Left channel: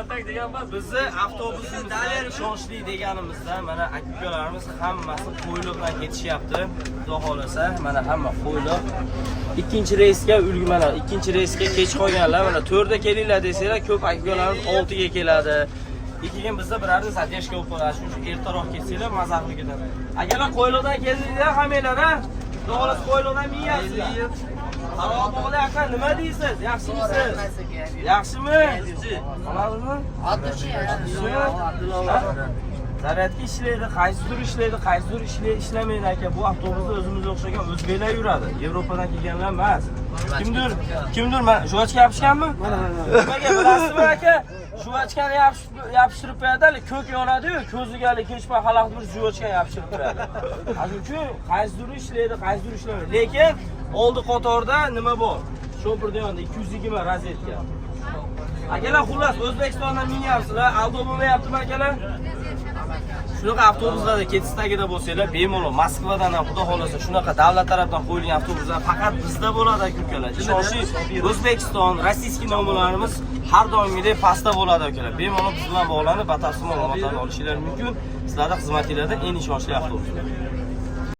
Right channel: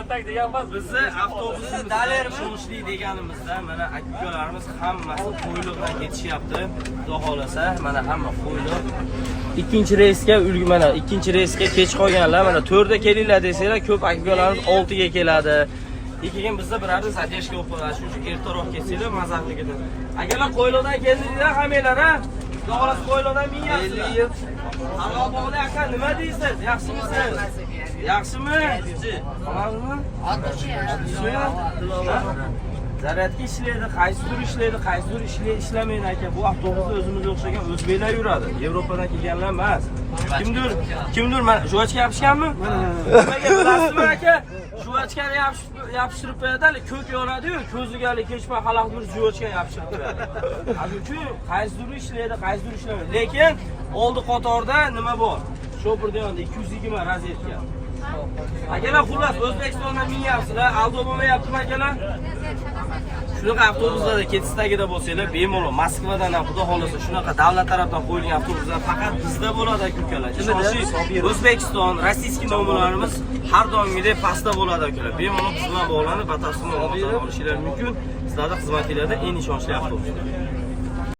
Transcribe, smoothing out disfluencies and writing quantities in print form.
kontak deganmiz. Bizni avtobusimiz ishonchli deganimizda mana aka-ukalarimiz hammasi qo'yliq bilan ketishyapti. Xudo xolasa mana hamma qo'yliq. Ikkinchi reysga ulgumana, ikkinchi reysga kech qolganlar mana 4 da kelinglar desanglar, ko'p aka-ukalarimiz 6 ga keladi. Keyin bizda birarda zadeshka bo'lib qoladi. Shuning uchun ertaroq kelsanglar mazaqli ketadi. Akalar qo'yliqdan keldinglar hammalar, ha? Xudo xolasa qo'yliqdan miyasizlar. Salom aka, nima deysiz? Yaxshimisiz? Yaxshimi? Qamalmi? Zaryadga ishlaydi, qaysidir ishlaydi, qaysidir ishlamaydi aka. Bu avtobusda o'zimizga o'xshagan o'zbeklar yuradi. Yevropadan kelganlar emas. Kimdir mana juvachka yopishganmi? Bilasizmi aka? Juvachkani yopishtirib qo'yadi, ko'k yonadi-yu, ko'ziga kechma xalaqni bir juvachka yopishtirib qo'yadi. Shuning uchun qaysidir ishlaydi, qaysidir ishlamaydi. Lekin oldi qatorda nima bor? Sho'pirda yonda 220 rozetka. Akalar xullas O'zbekistondan minyapsizlar, aldo bo'lmayaptimi akalar? Shunaqa avtobuslarda ketistagida bo'lsanglar, bemalol Moskvadan ham xudo xolasa shunaqa davlat tarafdan qo'yilgan avtobuslar faqat bizda bo'ladi akalar. Chunki O'zbekiston, rossiyskiy nomerlarimiz har doimgidek pastda bo'ladi akalar. Bemalol biz bilan bog'lanib, batafsil ma'lumotlar olishingiz mumkin. Sizlarning xizmatingizda eng ishonchli avtobus.